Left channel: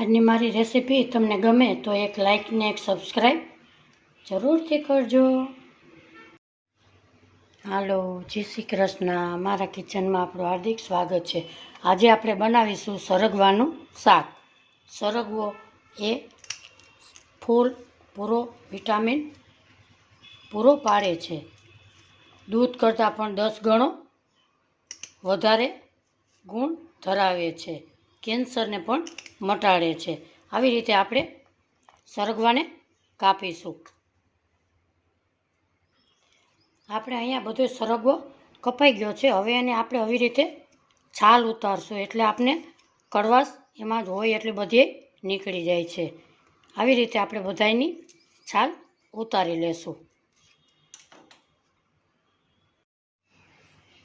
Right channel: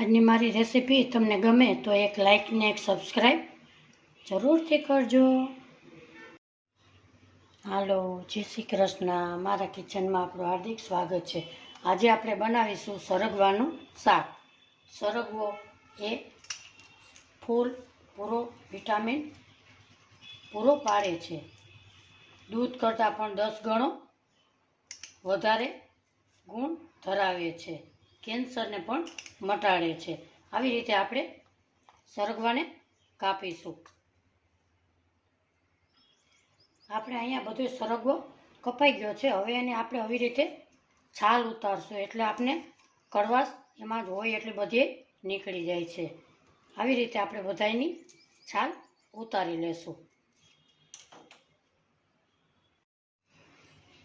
આજની મારી રેસીપી તમને ગમે તો એક લાઇક ને એક સબસ્ક્રાઈબ જરૂરથી કરજો. હાલો, જય શ્રી કૃષ્ણ. મારા કિચનમાં આપણું હાર્દિક સ્વાગત છે. આજે આપણે બનાવીશું સરગવાનું શાક. સરગવો એ ફૂલ પૂરો વિટામિન પૂરો પાડે છે. દૂધ કરતાં પણ 10 ગણો વધારે ગુણ ધરાવે છે. કેન્સરને પણ મટાડે છે. આવી રીતે આપણે સરગવાને કાપીશું. આપણે અહીંયા બધો સરગવો કપાઈ ગયો છે. હવે એને આપણે આવી રીતે છાલ ઉતારશું એટલે આપણે કડવાશ એમાં જ હોય એટલી બધી નીકળી જાય છે. આવી રીતે આપણે બધાયની છાલ ઉતારી લેશું.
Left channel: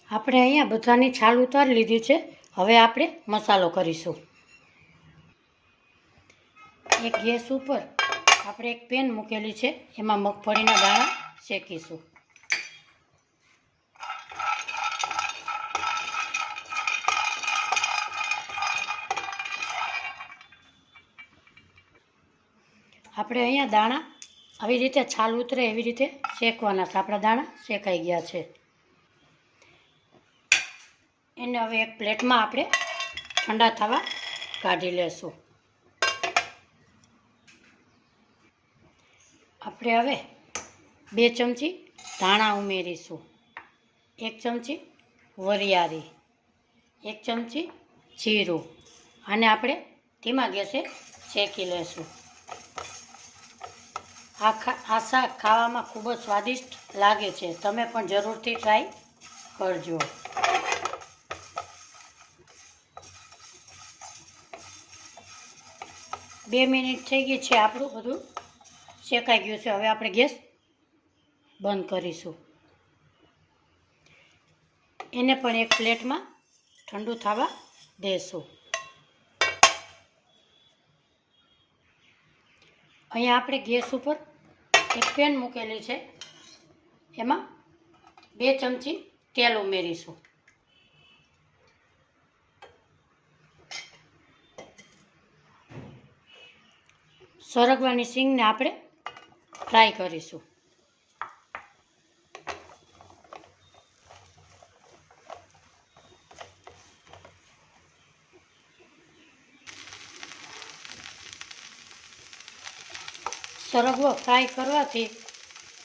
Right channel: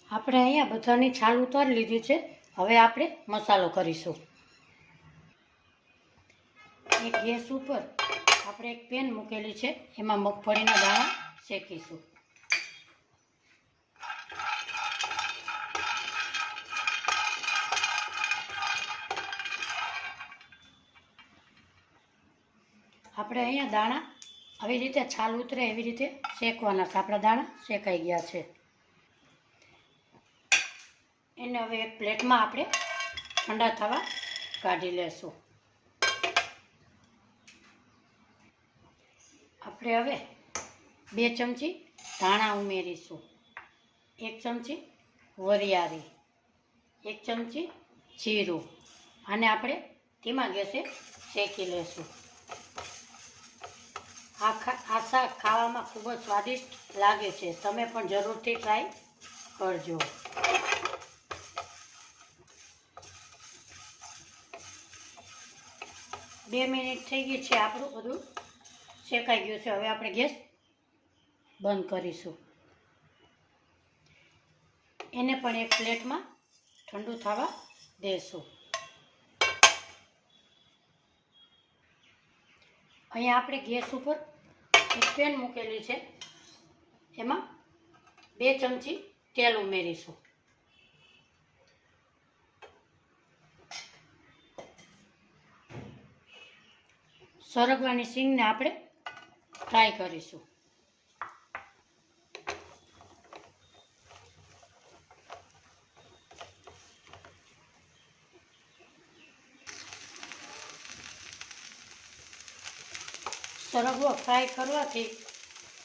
આપણે અહીંયા બધાની છાલ ઉતારી લીધી છે. હવે આપણે મસાલો કરીશું. એક ગેસ ઉપર આપણે એક પેન મૂકેલી છે. એમાં મગફળીના દાણા શેકીશું. આપણે અહીંયા દાણા આવી રીતે છાલ ઉતરે એવી રીતે શેકવાના છે. આપણા દાણા શેકાઈ ગયા છે. એને હવે એક પ્લેટમાં આપણે ઠંડા થવા કાઢી લેશું. આપણે હવે 2 ચમચી ધાણા ઉમેરીશું, 1 ચમચી વરિયાળી, 1 ચમચી જીરું અને આપણે ધીમા ગેસે શેકી લેશું. આ શાક ખાવામાં ખૂબ જ સ્વાદિષ્ટ લાગે છે. તમે પણ જરૂરથી ટ્રાય કરજો. બે મિનિટ થઈ ગઈ છે. આપણું બધું શેકાઈ ગયું છે. હવે આપણે ગેસ બંધ કરીશું. એને પણ એક પ્લેટમાં ઠંડુ થવા દેશું. અહીંયા આપણે ગેસ ઉપર એક પેન મૂકેલી છે. એમાં 2 ચમચી તેલ ઉમેરીશું. સરગવાની શીંગને આપણે ફ્રાય કરીશું. સરગવો ફ્રાય કરવાથી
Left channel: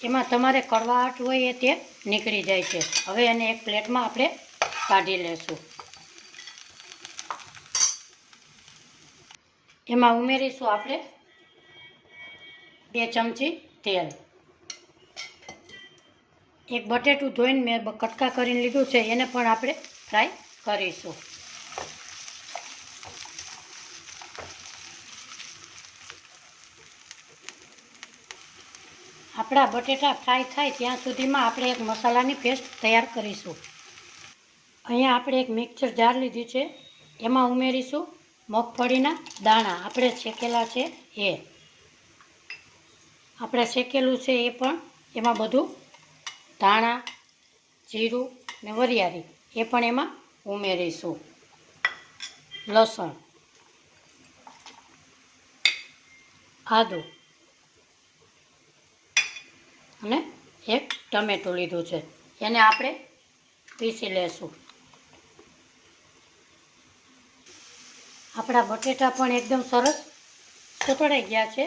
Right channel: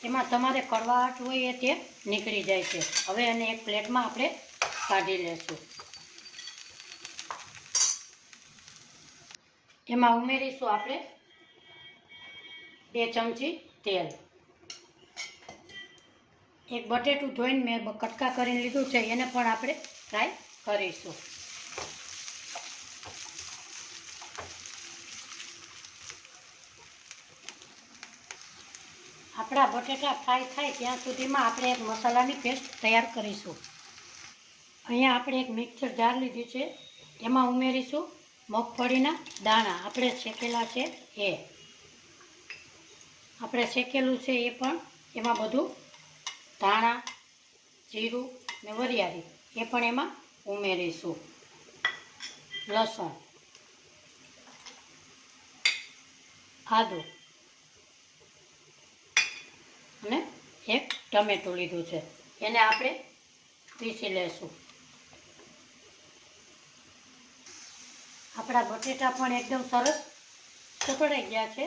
એમાં તમારે કડવાટ હોય એ તે નીકળી જાય છે. હવે એને એક પ્લેટમાં આપણે કાઢી લેશું. એમાં ઉમેરીશું આપણે 2 ચમચી તેલ. એક બટેટું ધોઈને મેં કટકા કરીને લીધું છે. એને પણ આપણે ફ્રાય કરીશું. આપણા બટેટા ફ્રાય થાય ત્યાં સુધીમાં આપણે એક મસાલાની પેસ્ટ તૈયાર કરીશું. અહીંયા આપણે એક મિક્સર જાર લીધી છે. એમાં ઉમેરીશું મગફળીના દાણા. આપણે શેકેલા છે એ. આપણે શેકેલું છે એ પણ એમાં બધું ધાણા, જીરું ને વરિયાળી એ પણ એમાં ઉમેરીશું. લસણ, આદું અને એક ટમેટું લીધું છે. એને આપણે પીસી લેશું. આપણા બટેટા પણ એકદમ સરસ સતળાઈ ગયા છે.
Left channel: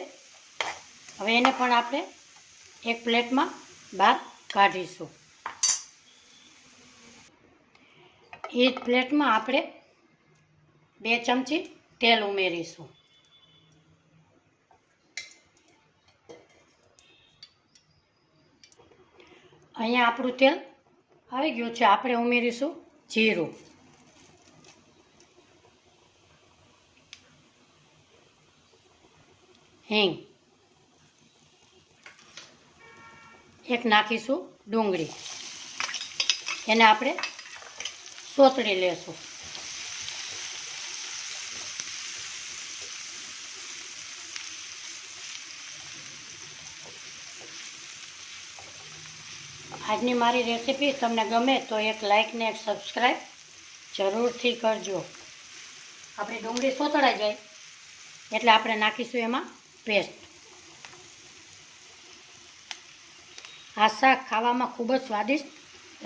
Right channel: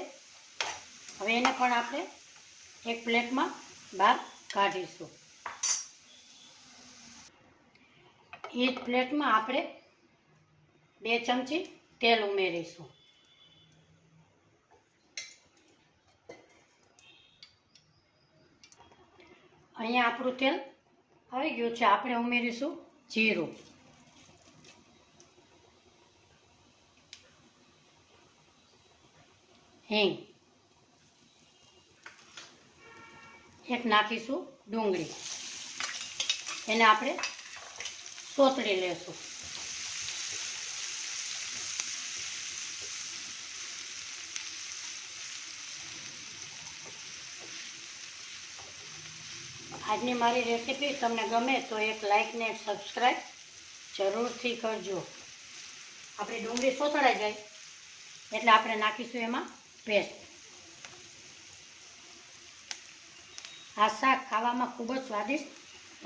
હવે એને પણ આપણે એક પ્લેટમાં બહાર કાઢીશું. એ જ પ્લેટમાં આપણે 2 ચમચી તેલ ઉમેરીશું. અહીંયા આપણું તેલ આવી ગયું છે. આપણે ઉમેરીશું જીરું, હિંગ, એક નાખીશું ડુંગળી. એને આપણે સોતળી લેશું. આજની મારી રેસીપી તમને ગમે તો એક લાઇક ને એક સબસ્ક્રાઈબ જરૂરથી કરજો. આપણી ડુંગળી સોતળાઈ જાય એટલે આપણે નાખીશું એમાં પેસ્ટ. આ શાક ખાવામાં ખૂબ જ સ્વાદિષ્ટ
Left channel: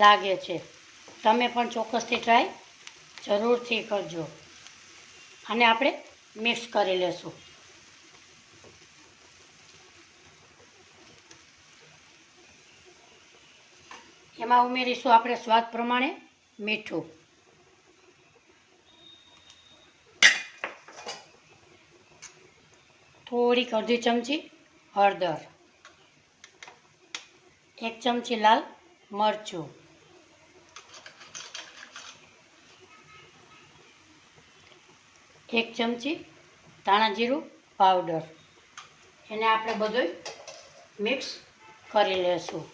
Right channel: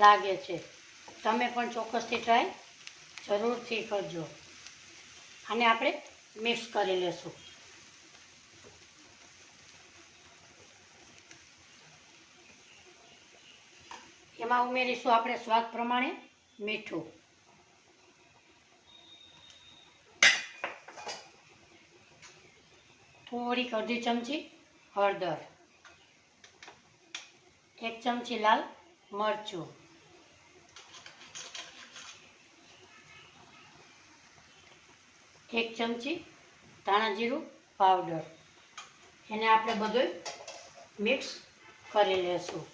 લાગે છે. તમે પણ ચોક્કસથી ટ્રાય જરૂરથી કરજો. અને આપણે મિક્સ કરી લેશું. એમાં ઉમેરીશું આપણે સ્વાદ પ્રમાણે મીઠું. થોડીક અડધી ચમચી હળદર, 1 ચમચી લાલ મરચું, 1 ચમચી ધાણા જીરું પાવડર. એને આપણે બધું મિક્સ કરી લેશું.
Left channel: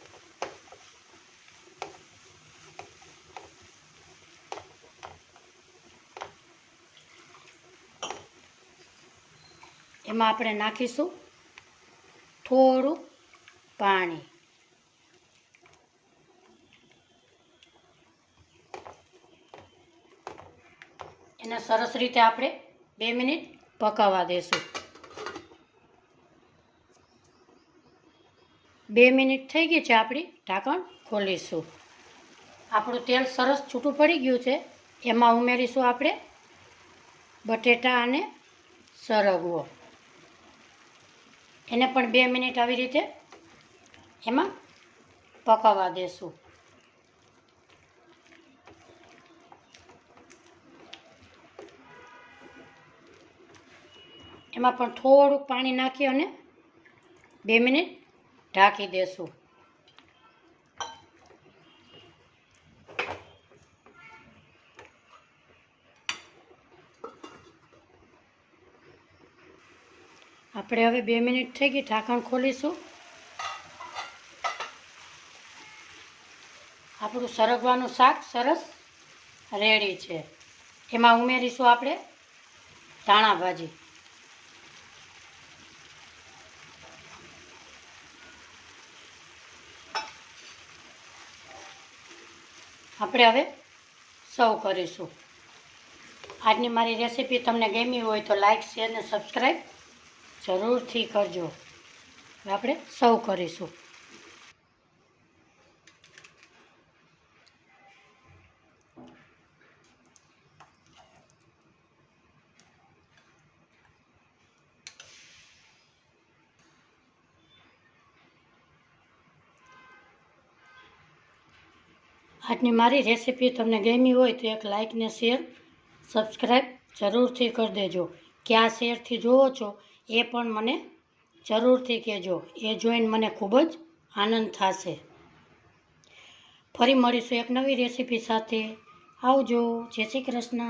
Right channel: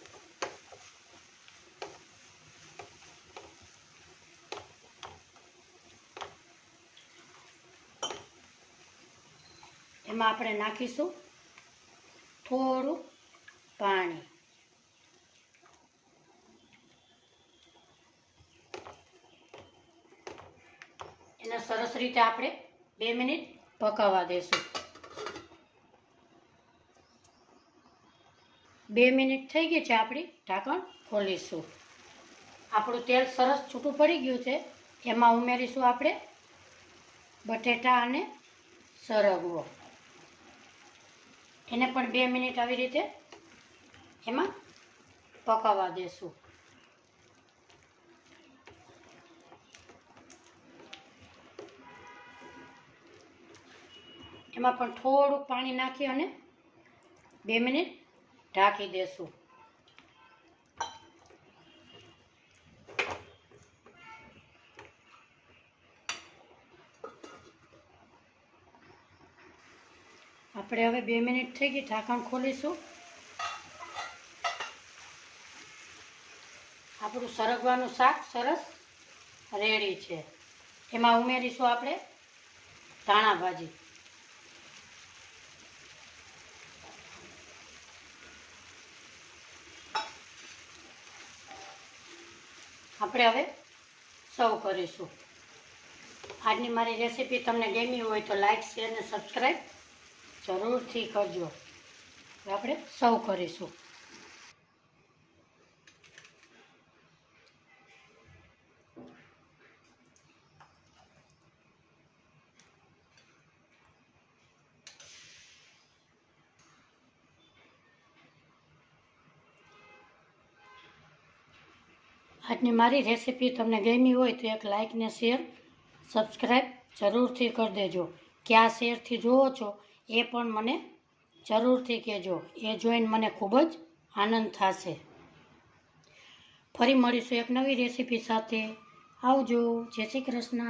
એમાં આપણે નાખીશું થોડું પાણી. એને સરસ રીતે આપણે 2 મિનિટ પકાવવા દેશું. 2 મિનિટ થઈ ગઈ છે. આપણી ઢાંકણ ખોલીશું. આપણું તેલ સરસ છૂટું પડી ગયું છે. એમાં ઉમેરીશું આપણે બટેટા અને સરગવો. એને પણ 2 મિનિટ આવી રીતે એમાં પકાવવા દેશું. એમાં પણ થોડુંક પાણી નાખી અને 2 મિનિટ ઢાંકી દેશું. આપણે હવે 2 મિનિટ થઈ ગઈ, ઢાંકણ ખોલીશું. આપણું સરગવાનું શાક સરસ રેડી છે. એમાં ઉમેરીશું આપણે ધાણા ભાજી. આપણે હવે સર્વ કરીશું. આજની મારી રેસીપી તમને ગમી હોય તો લાઈક, શેર અને સબસ્ક્રાઈબ જરૂરથી કરજો. હવે આપણે સર્વ કરીશું. આજની મારી રેસીપી તમને ગમી હોય તો એક લાઈક ને શેર સબસ્ક્રાઈબ જરૂરથી કરી દેજો. ક્યાં શેરથી જોવો છો એ પણ મને જરૂરથી કહેજો. એ જોઈને મને ખૂબ જ આનંદ થશે. ફરી મળીશું એક નવી રેસીપી સાથે. આવજો. જય શ્રી કૃષ્ણ.